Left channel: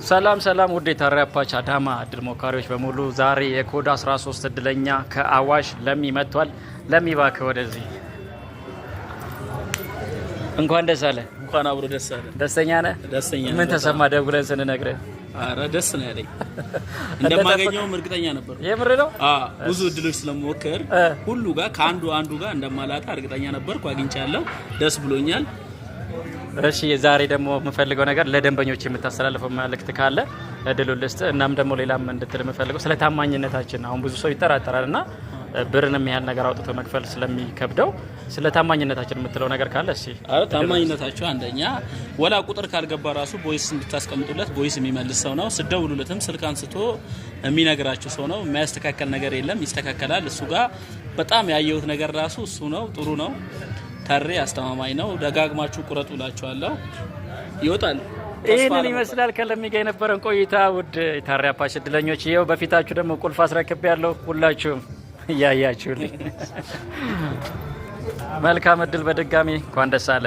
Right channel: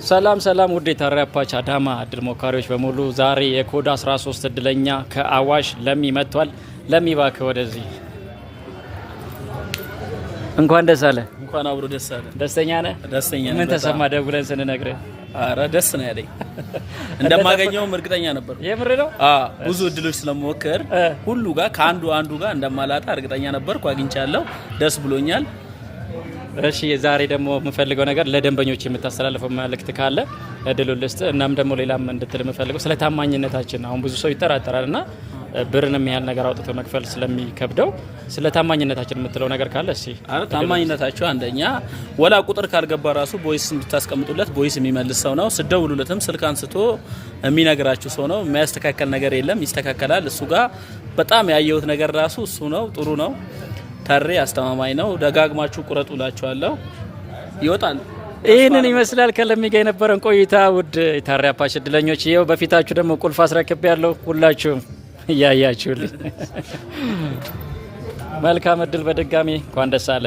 ሰላም ሰላም ውድ የታሪያፓች አዳማ እድል ሞካሪዎች በሙሉ ዛሬ የኮድ 13 እድለኛ ከአዋሽ ለሚ መጥቷል። ለሚ ባክ ወደዚህ እንኳን ደስ አለ። እንኳን አብሮ ደስ አለ። ደስተኛ ነህ? ደስተኛ። ምን ተሰማ ደውለን ስንነግርህ? አረ ደስ ነው ያለኝ። እንደማገኘውም እርግጠኛ ነበር። የምር ነው? ብዙ እድሎች ስለሞከር ሁሉ ጋር አንዱ ጋር እንደማላጣ እርግጠኛ ነበርኩ። አግኝቻለሁ። ደስ ብሎኛል። እሺ ዛሬ ደግሞ የምፈልገው ነገር ለደንበኞች የምታስተላልፈው መልእክት ካለ እድሉን ልስጥ። እናም ደግሞ ሌላም እንድትል የምፈልገው ስለ ታማኝነታችን አሁን ብዙ ሰው ይጠራጠራልና ብርንም ያህል ነገር አውጥቶ መክፈል ስለሚከብደው ስለ ታማኝነታችን የምትለው ነገር ካለ እሺ። ታማኝነታቸው አንደኛ ወላ ቁጥር ካልገባ ራሱ ቮይስ እንድታስቀምጡለት ቮይስ የሚመልስ ሰው ነው። ስደውሉለትም ስልክ አንስቶ የሚነግራችሁ ሰው ነው። የሚያስተካከል ነገር የለም፣ ይስተካከላል። እሱ ጋር በጣም ያየሁት ነገር ራሱ እሱ ነው። ጥሩ ነው። ታሬ አስተማማኝ ነው። ደጋግማችሁ ቁረጡላችኋለሁ፣ ይወጣል። ይህንን ይመስላል ከለሚ ጋር የነበረን ቆይታ። ውድ የታሪያፓች እድለኞች ይኸው በፊታችሁ ደግሞ ቁልፍ አስረክብ ያለው ሁላችሁም እያያችሁልኝ መልካም እድል። በድጋሚ እንኳን ደስ አለ።